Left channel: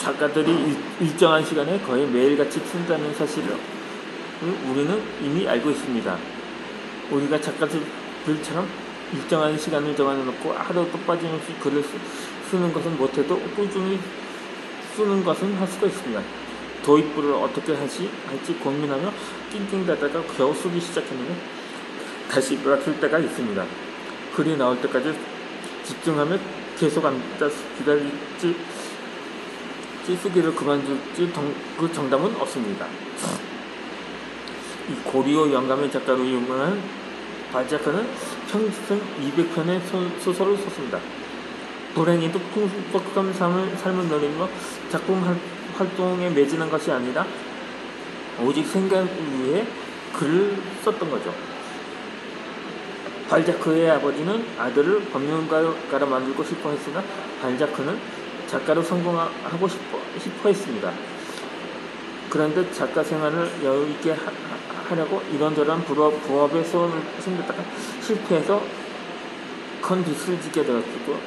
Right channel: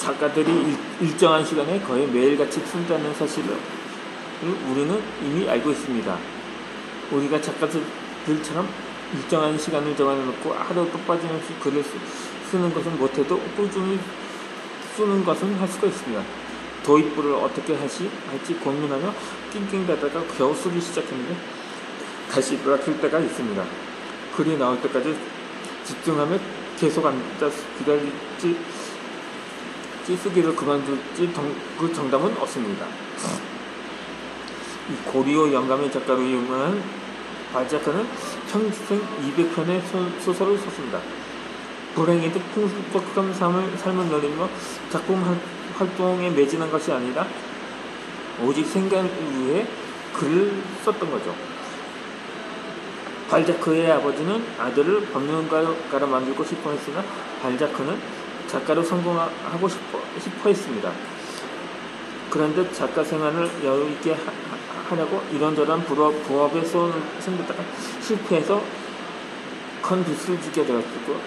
작가들이 일정한 시간에 거의 매일같이 쓴다는 사실을 우리는 이미 알고 있습니다. 우리가 작가들처럼 일정한 시간을 정해놓고 하루도 빠짐없이 글을 쓰는 것은 못해도 꾸준히 쓰는 것은 할 수가 있습니다. 도입부를 어떻게 할지 고민하며 낑낑대다가 겨우 쓰기 시작했는데 다시 맡을 때가 있습니다. 글이 나올 때까지 집중하며 계속 앉아 기다릴지 쓰기를 그만둘지 그 정답은 없습니다. 이 고리오 영감의 작가로 유명한 발자크는 평생 200편의 소설을 썼습니다. 불행히도 풍속한 삶을 노리며 작품 활동에 매진한 것이 아니라 오직 생각을 위해 글을 썼던 거죠. 발자크의 아버지는 아들을 법률가로 만들고 싶어 했으나 발자크는 작가로 성공하고 싶어 했습니다. 그런데 작가 생활을 여유있게 하려고 이런저런 부업에 손을 생겼다가 실패해서 큰 빚을 지게 되었고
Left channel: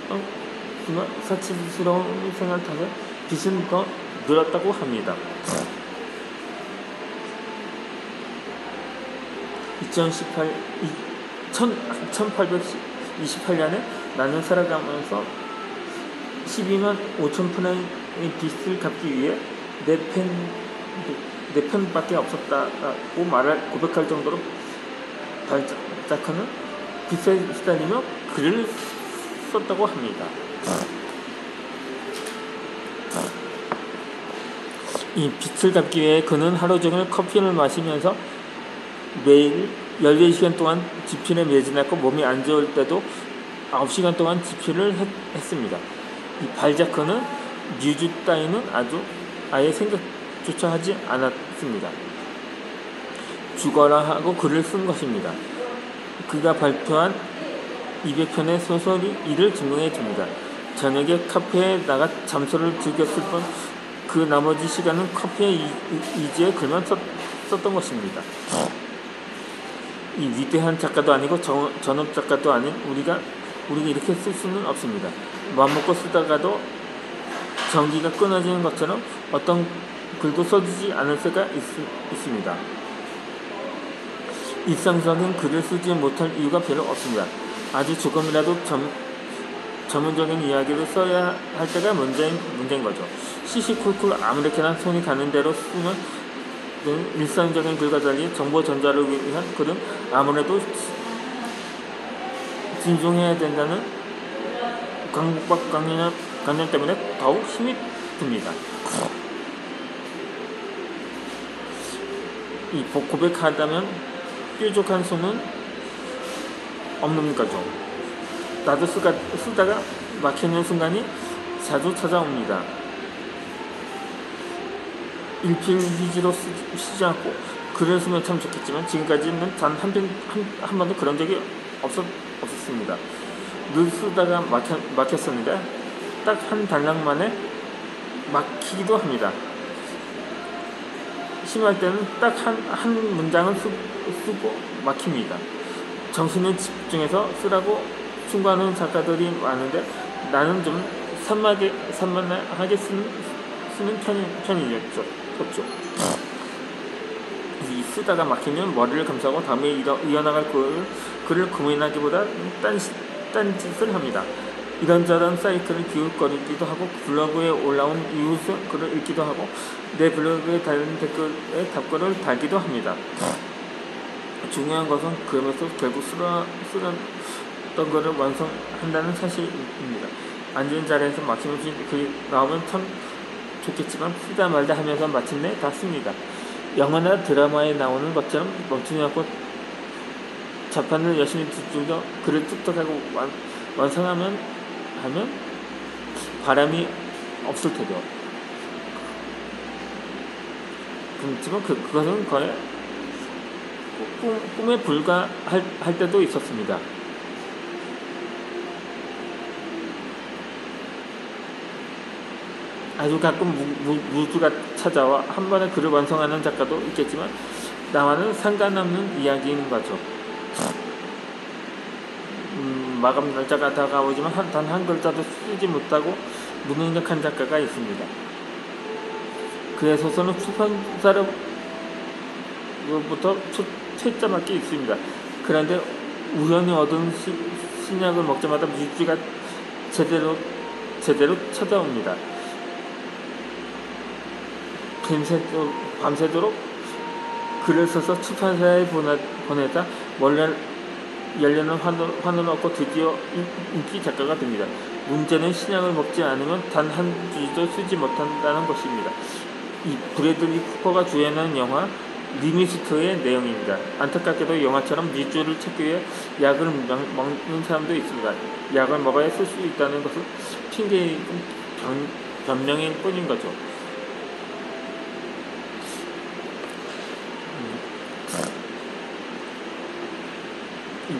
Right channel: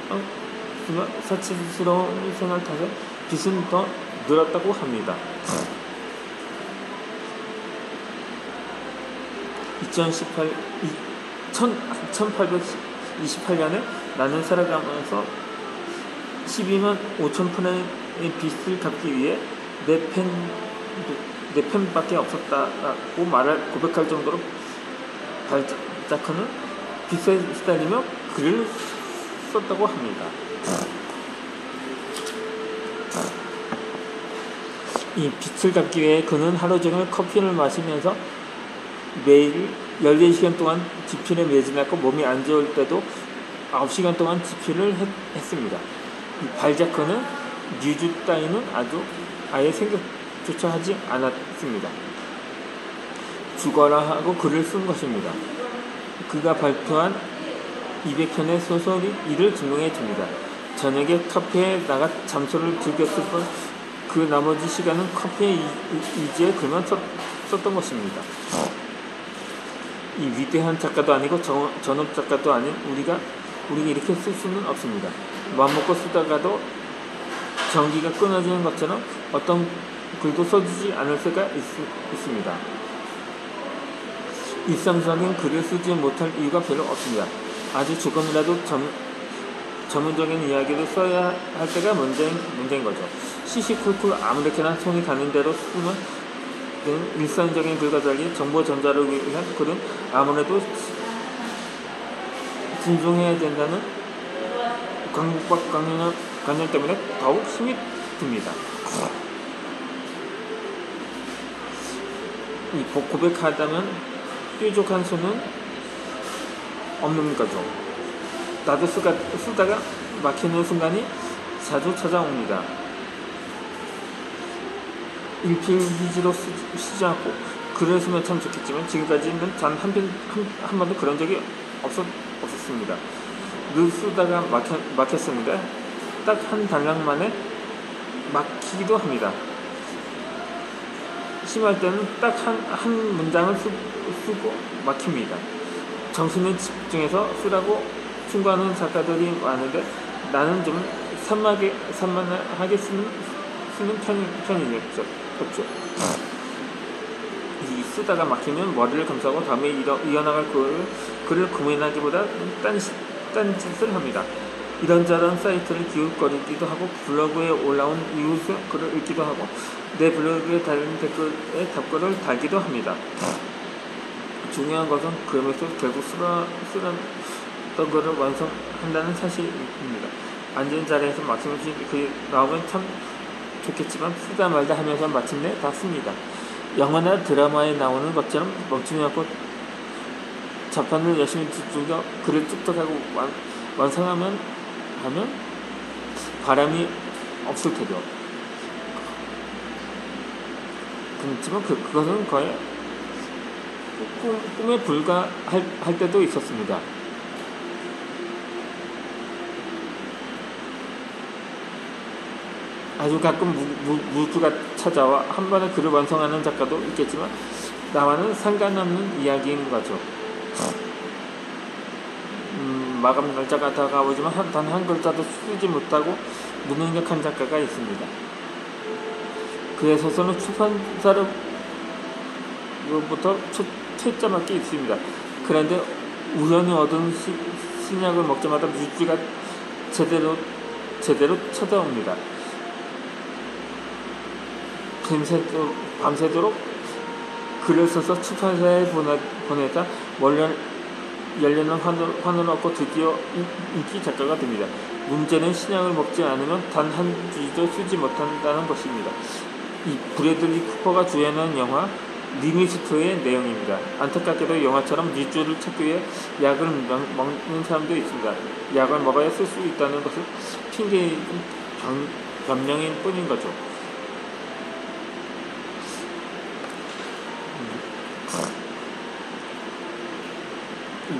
사치스러운 생활 탓에 빚은 더 늘었다고 합니다. 1828년에 나는 살아가면서 12만 5천 푼의 빚을 갚기 위해 내 편밖에 없었다고 고백할 정도로 발자크는 빚에 시달리며 글을 썼다고 합니다. 이 빚을 갚기 위해 그는 하루 종일 커피를 마시면서 매일 14시간 동안 지필에 매진했고 몸이 안 좋을 때도 9시간 동안 지필을 했습니다. 이 발자크는 뮤즈 따위는 아예 생각조차 하지 않았습니다. 죽어라 하고 글을 쓴 것입니다. 그가 발표한 200편의 소설이 이를 증명해 줍니다. 저녁에 카페에 나가 잠소를 즐겼을 뿐 그 나머지 시간은 커피에 이지에 글만 썼던 것입니다. 이 위대한 작가도 아니고 전업 작가도 아닌 우리가 이렇게 쓸 수는 없습니다. 맘먹고 쓰다가도 전기가 끊어지는 것처럼 어떤 글도 써지지 않을 수가 있습니다. 일상적인 글을 쓰지 못할 이유가 별로 없습니다. 아주 조금이라도 전문적인 이야기를 써야 할 때가 문제인 거죠. 시시콜콜 아무렇게나 손이 가는 대로 쓰는 일상적인 글과 달리 정보 전달을 위한 글은 아무래도 진중해야 된다는 강박관념 때문에 더욱 힘이 듭니다. 이 고백하다면 뾰족한 수는 없는 거죠. 나도 쓰다가 막히는 순간이 자주 찾아옵니다. 일필휘지로 쓰지 않고 글을 쓰면 참 좋겠지만 지금까지는 단 한 번도 그런 적이 없었습니다. 늘 쓰다가 막혔습니다. 딱 한 단락 만에 막히기도 합니다. 심할 때는 딱 한 문장을 쓰고 막힙니다. 정신을 집중해서 쓰라고 충고하는 작가들이 많은데 나는 좀 산만하게 쓰는 편이죠. 이 쓰다가 막히면 머리를 감싸고 다음에 이어나갈 글을 고민하기보다 딴짓을 합니다. 이런저런 사이트를 기웃거리기도 하고 블로그에 올라온 이웃의 글을 읽기도 하고 내 블로그에 달린 댓글에 답글을 달기도 합니다. 중요한 것은 그러면서 결국 쓰던 것을 완성한다는 사실입니다. 앉은 자리에서 막힘없이 글이 나오면 참 좋겠지만 쓰다 말다 하면서 마침내 다 씁니다. 영화나 드라마에 나오는 것처럼 멈추지 않고 자판을 열심히 두들겨 글을 뚝뚝하고 완성하면 바람이 없을 테죠. 그렇지만 그것은 거의 꿈에 불과할 때도 있었습니다. 아주 가끔 무주가 찾아와 한 번에 글을 완성하는 작가도 있겠지만 나와는 상관없는 이야기인 거죠. 마감 날짜가 다가오지만 단 한 글자도 쓰지 못하고 무능력한 작가가 있습니다. 그의 소설은 출판사로부터 채점할 게 있습니다. 그런데 우연히 얻은 신약을 먹자마자 뮤지가 제대로 찾아옵니다. 밤새도록 글을 써서 출판사에 보내다 열려는 환호를 얻고 드디어 인기 작가가 됩니다. 문제는 신약을 먹지 않으면 단 한 주도 쓰지 못한다는 것입니다. 이 브래들리 쿠퍼가 주연한 영화 리미스트의 내용입니다. 안타깝게도 영화처럼 뮤즈를 찾기 위해 약을 먹는 사람도 있습니다. 약을 먹어야 쓸 수 있다는 것은 핑계인 변명일 뿐인 거죠.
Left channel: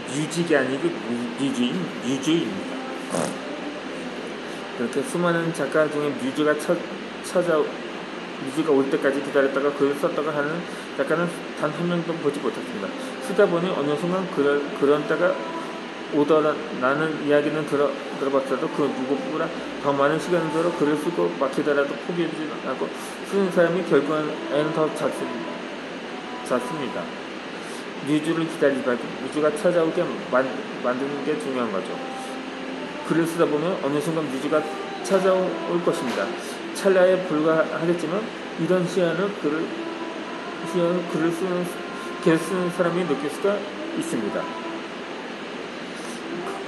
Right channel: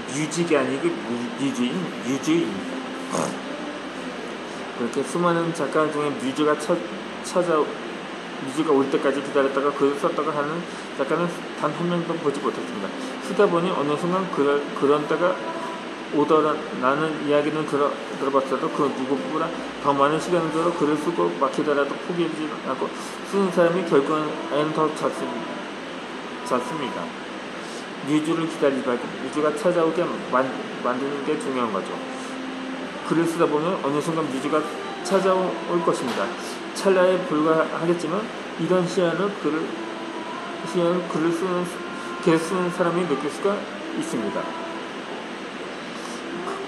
뮤직이 아니고 뮤즈입니다. 이렇게 수많은 작가 중에 뮤즈가 올 때까지 기다렸다가 글을 썼다고 하는 작가는 단 한 명도 보지 못했습니다. 쓰다 보니 어느 순간 그런 때가 오더라는 이야기는 들어봤어도 그 누구보다 더 많은 시간을 들어 글을 쓰고 막히더라도 포기하지 않고 쓰는 사람이 결국에는 더 잤습니다. 뮤즈를 기다리지 말고 뮤즈가 찾아오게 만드는 게 중요한 거죠. 글을 쓰다 보면 어느 순간 뮤즈가 찾아올 것입니다. 찰나에 불과하겠지만 이런 시야는 글을 계속 쓰는 사람이 느낄 수가 있습니다.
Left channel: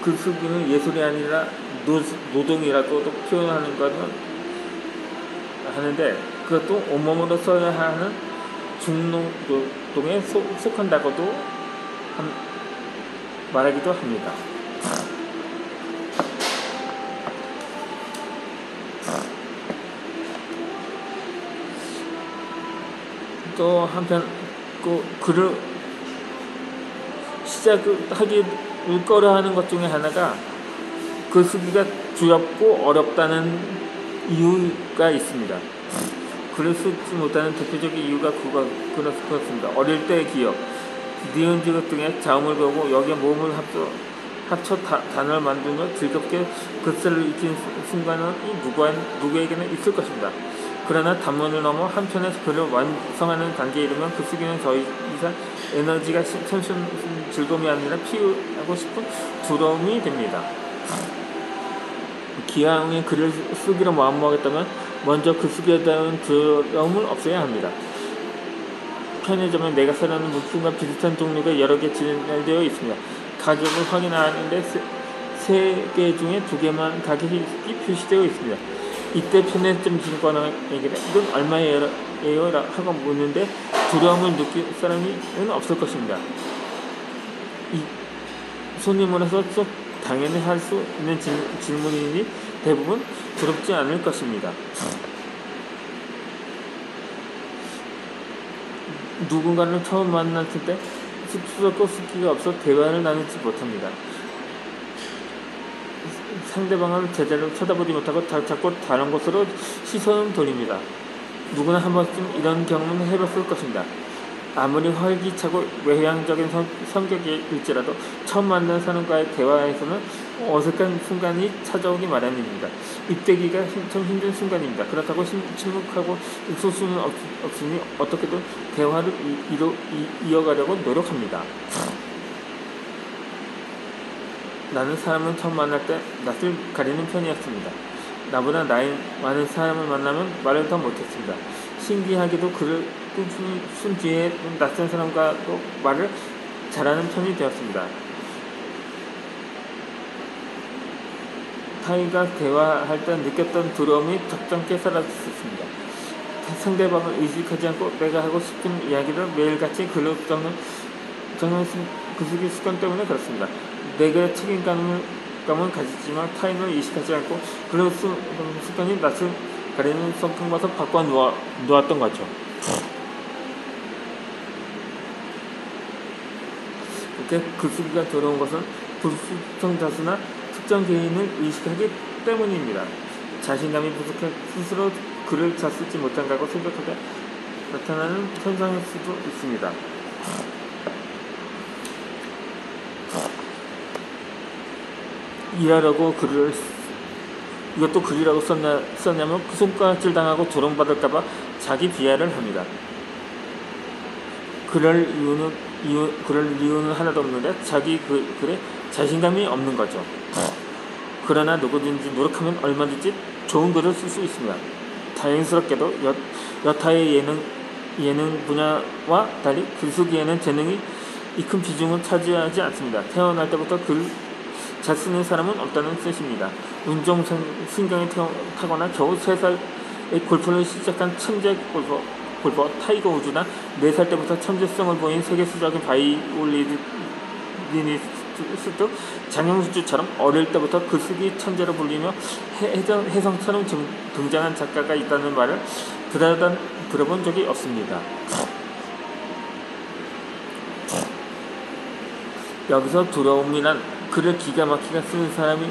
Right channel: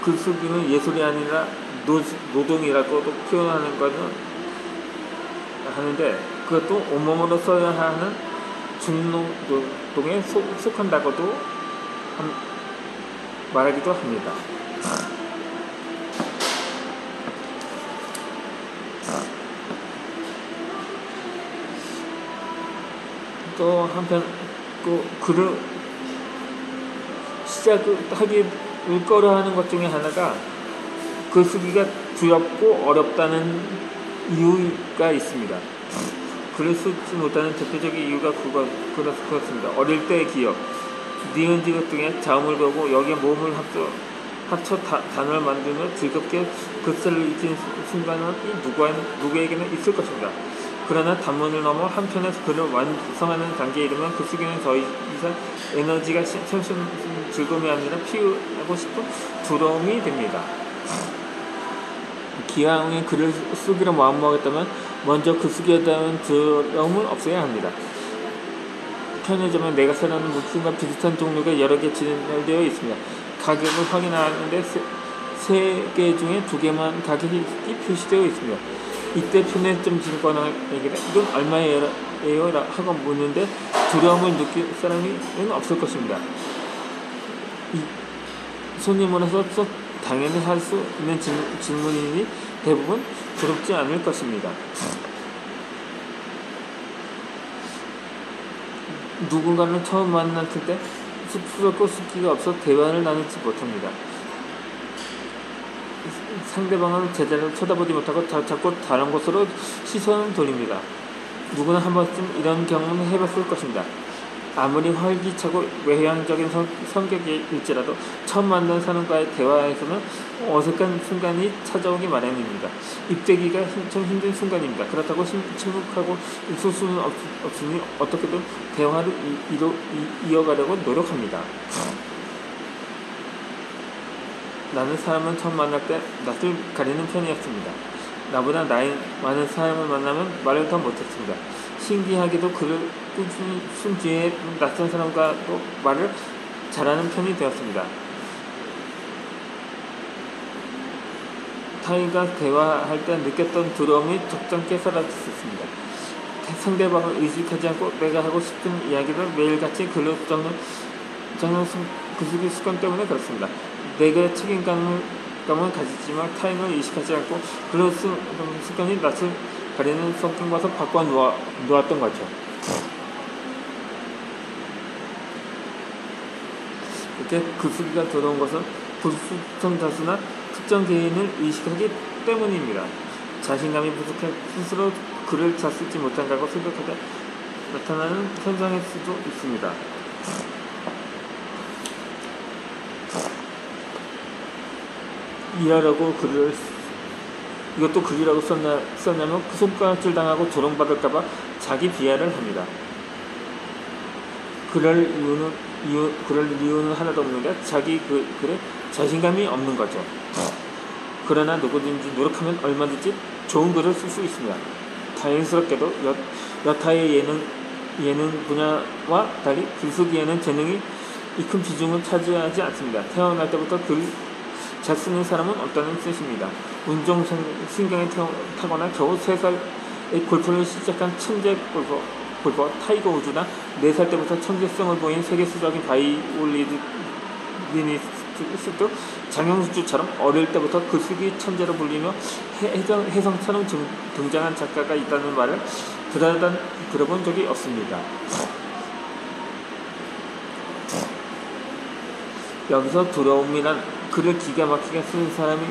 글쓰기는 예술이 아니라 노동이라고도 표현하는 것은 하는데 그것도 온몸으로 써야 하는 중노동에 속한다고도 말하기도 합니다. 또 한편 글을 시작하기 꺼려하는 것 중에 하나가 글쓰기가 두렵고 어렵다는 이유가 있습니다. 글을 쓰지 못하는 대표적인 이유가 그렇습니다. 어릴 때의 기억, 니은지읒 등의 자음을 배우고 여기에 모음을 합쳐 단어를 만들며 즐겁게 글쓰기를 익힌 순간은 누구에게나 있을 것입니다. 그러나 단문을 넘어 한편에서 글을 완성하는 단계에 이르면 글쓰기는 더 이상 에너지가 즐거움이 아니라 피우고 싶은 두려움이 됩니다. 기왕에 글을 쓰기로 마음먹었다면 먼저 글쓰기에 대한 두려움을 없애야 합니다. 편의점에 내가 사려는 물품과 비슷한 종류가 여러 개 진열되어 있습니다. 가격을 확인하는데 3개 중에 2개만 가격이 표시되어 있습니다. 이때 편의점 직원에게 이건 얼마예요? 하고 묻는데 두려움을 느낄 사람은 없을 것입니다. 손님으로서 당연히 할 수 있는 질문이니 대부분 두렵지 않을 것입니다. 누군가를 처음 만났을 때 쑥스럽고 숫기가 없어 대화를 나누지 못합니다. 상대방을 제대로 쳐다보지 못하고 자꾸 다른 곳으로 시선을 돌립니다. 누구나 한 번쯤 이런 경험을 해봤을 것입니다. 아무리 활기차고 외향적인 성격일지라도 처음 만난 사람과의 대화에서는 어색한 순간이 찾아오기 마련입니다. 입대기가 좀 힘든 순간입니다. 그렇다고 침묵하고 있을 수는 없으니 어떻게든 대화를 이어가려고 노력합니다. 나는 사람을 처음 만날 때 낯을 가리는 편이었습니다. 나보다 나이 많은 사람을 만나면 말을 더 못했습니다. 신기하게도 그를 쓴 뒤에 낯선 사람과도 말을 잘하는 편이 되었습니다. 타인과 대화할 때 느꼈던 두려움이 적잖게 사라졌습니다. 상대방을 의식하지 않고 내가 하고 싶은 이야기를 매일같이 글로 적는 글쓰기 습관 때문에 그렇습니다. 내가 책임감을 가지지만 타인을 의식하지 않고 글로 쓰는 습관이 낯을 가리는 성격과서 바꿔 놓았던 거죠. 그때 글쓰기가 들어온 것은 불특정 다수나 특정 개인을 의식하기 때문입니다. 자신감이 부족해 스스로 글을 잘 쓰지 못한다고 생각하다 나타나는 현상일 수도 있습니다. 일하려고 이것도 글이라고 썼냐면 그 손가락질 당하고 조롱받을까봐 자기 비하를 합니다. 그럴 이유는 하나도 없는데 자기 글에 자신감이 없는 거죠. 그러나 누구든지 노력하면 얼마든지 좋은 글을 쓸 수 있습니다. 다행스럽게도 여타의 예능 분야와 달리 글쓰기에는 재능이 이 큰 비중을 차지하지 않습니다. 태어날 때부터 글 잘 쓰는 사람은 없다는 뜻입니다. 운동신경이 타거나 겨우 3살의 골프를 시작한 천재 골퍼 타이거 우즈나 4살 때부터 천재성을 보인 세계 수적인 바이올리니스트 장영수처럼 어릴 때부터 글쓰기 천재로 불리며 혜성처럼 등장한 작가가 있다는 말을 들어본 적이 없습니다. 여기서 두려움이란 글을 기가 막히게 쓰는 사람이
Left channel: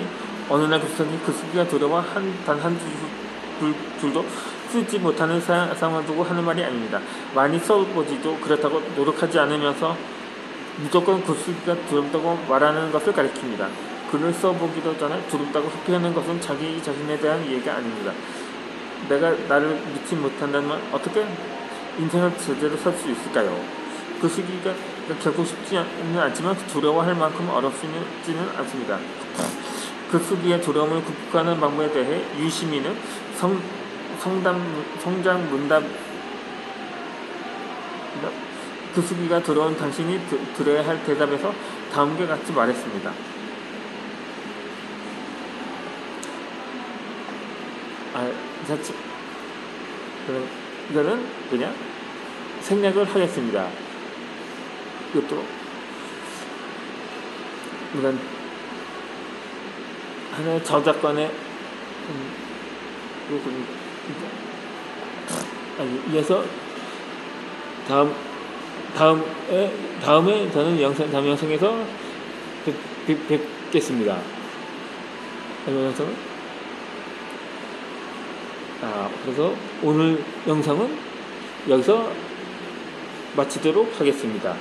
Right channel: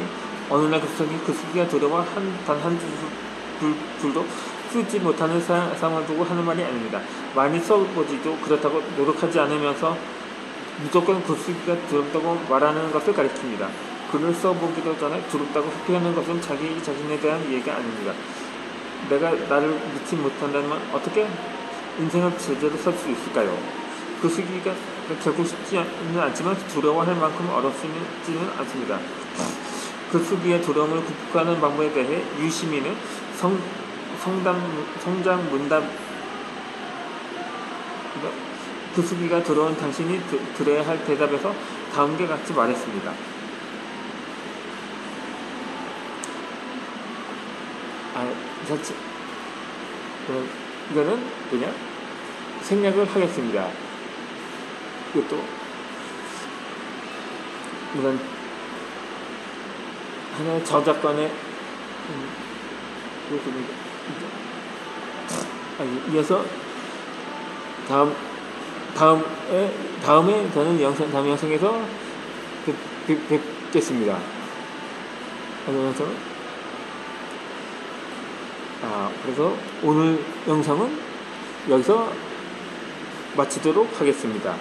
어느 날 갑자기 글쓰기가 두려워 단 한 줄도 쓰지 못하는 상황을 두고 하는 말이 아닙니다. 많이 써보지도 그렇다고 노력하지 않으면서 무조건 글쓰기가 두렵다고 말하는 것을 가리킵니다. 글을 써보기도 전에 두렵다고 회피하는 것은 자기 자신에 대한 이해가 아닙니다. 내가 나를 믿지 못한다면 어떻게 인생을 제대로 살 수 있을까요? 글쓰기가 결코 쉽지는 않지만 두려워할 만큼 어렵지는 않습니다. 글쓰기의 두려움을 극복하는 방법에 대해 유시민은 성장 문답 글쓰기가 두려운 당신이 들어야 할 대답에서 다음과 같이 말했습니다. 이거는 그냥 생략을 하겠습니다. 이것도 이런 하나의 저작권의 이어서 다음에 저는 다음 영상에서 뵙겠습니다. 그래서 오늘 영상은 여기서 마치도록 하겠습니다.